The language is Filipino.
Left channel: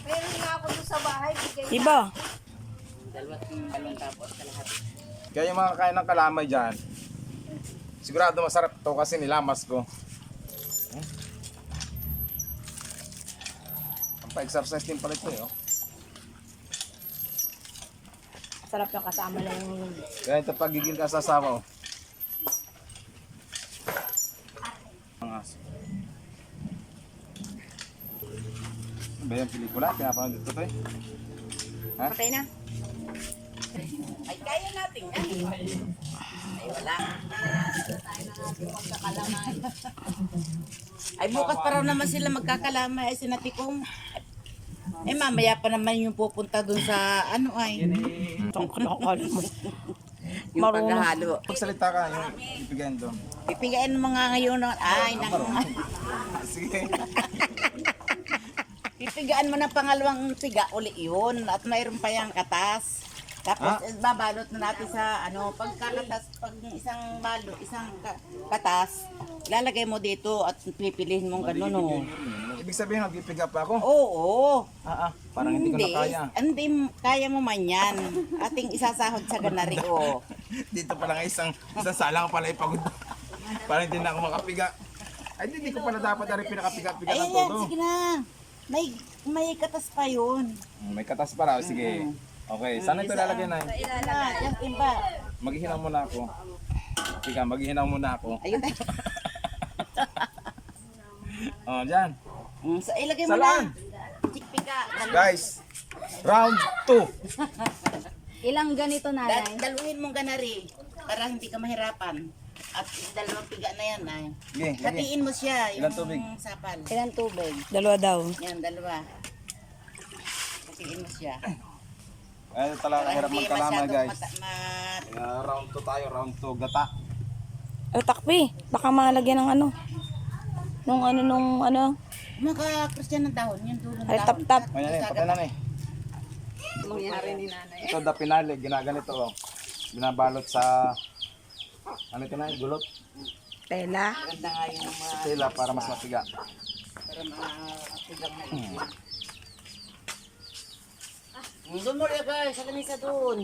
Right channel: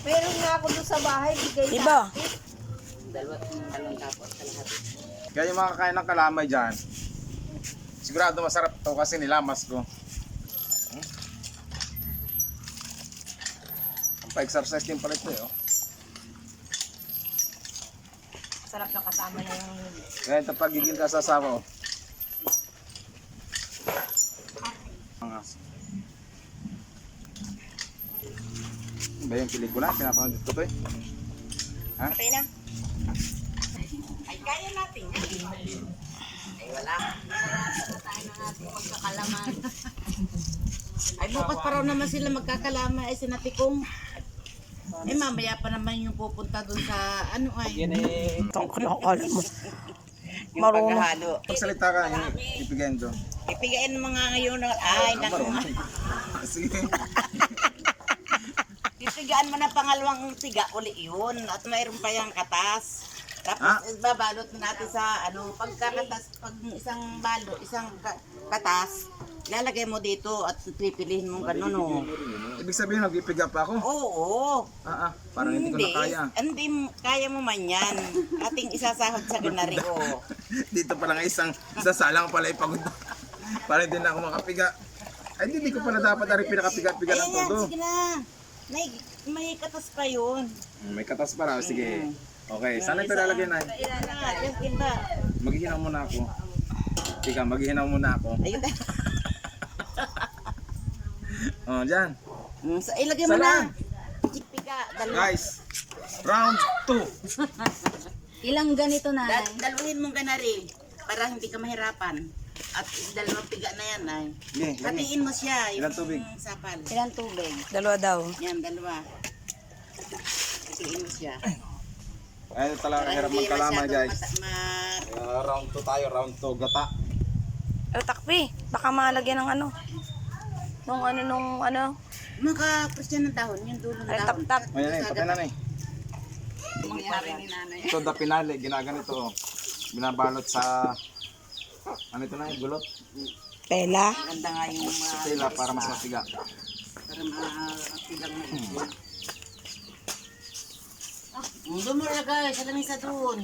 Meron nga ako doon sa bahay, bigay sa Iba. Dalawang tapos kalahati. Kaya yung mga kakain ng kalamay dyan, sigurado masarap to kasi nilamas ko. Ang pa-exercise din pala ito eh. Oh. sarap na kasama na yung... Kaya ito pagigil ka sa asawa. Oh. Ang aso. Ba yung pelikula? Pinapanood ko to eh. Ha? Okay na. Ay, kaya natin yan. Ay, wala. Ay, bukas pa raw naman sila magkakalama. Ay, sinatikong. Ay, mamaya pa naman yung pupunta dun sa ano ay. Itong kinakala mo. Yung Marunong. paghahalo. Pagsalita ka, ipigayin ko. Pipigain mo nga ngayon. Ay, naku. Sige. Pipigaan mo na pangalawang tiga uli yun. At mayroon pa yung katas. Tapos babalot na natin sa ano, pagkakatas, pag isang balo, katas, lalagay mo dito at pipilihin mong gano'n, no? Ibig sabihin, nag-ipiga pa ako? Oo. Parang hindi ko na kaya. Hindi, kaya mo man yan. Ating isasahod sa ganari, oh. Dito pa lang isang salang pala ipagod. Para hindi na ako makapiga. Ay, hindi ko pala dapat ari pinakapiga-piga ng Ayan, todo. sige na. May katas pa yun. May katas pala, sige. Okay, saan ito lalagay na? Yan, iba. Maghihinaw muna ako. Tika, maghihinaw muna ako. Ayun. Oh, dyan. So, ilagay mo Salaan. na. Chikpika. Guys, round 2. Ilang ganito na, Daluhin mong ganari para hindi ka mahirapan. At dalawang piga na yan ay. Sige, lagi. Batiin mo siya. Ilang tubig? Sapal. Ilang tubig? Dalawa daw. Yan, dalawa. Batiin mo siya. Ayun talaga kahirap Hindi magkalamay, masyadong guys. ma- Round 2 tayo, round 2. Gata. Takpi. Baka malagyan ng ano. Nung ano. Maka-Christian ng tahon, yung dulo ng Ay, tahon. tap-tap. Ayan eh, patay na na eh. Mangyari ni nanay. Ito, the pinali. Ginaganito oh. Binabalot sa... Ano ito na? Gulot? Tela. Ganda nga yung Sa tela para mas matiga. para matigang na ito. Doon mo guys, sa lamisa doon.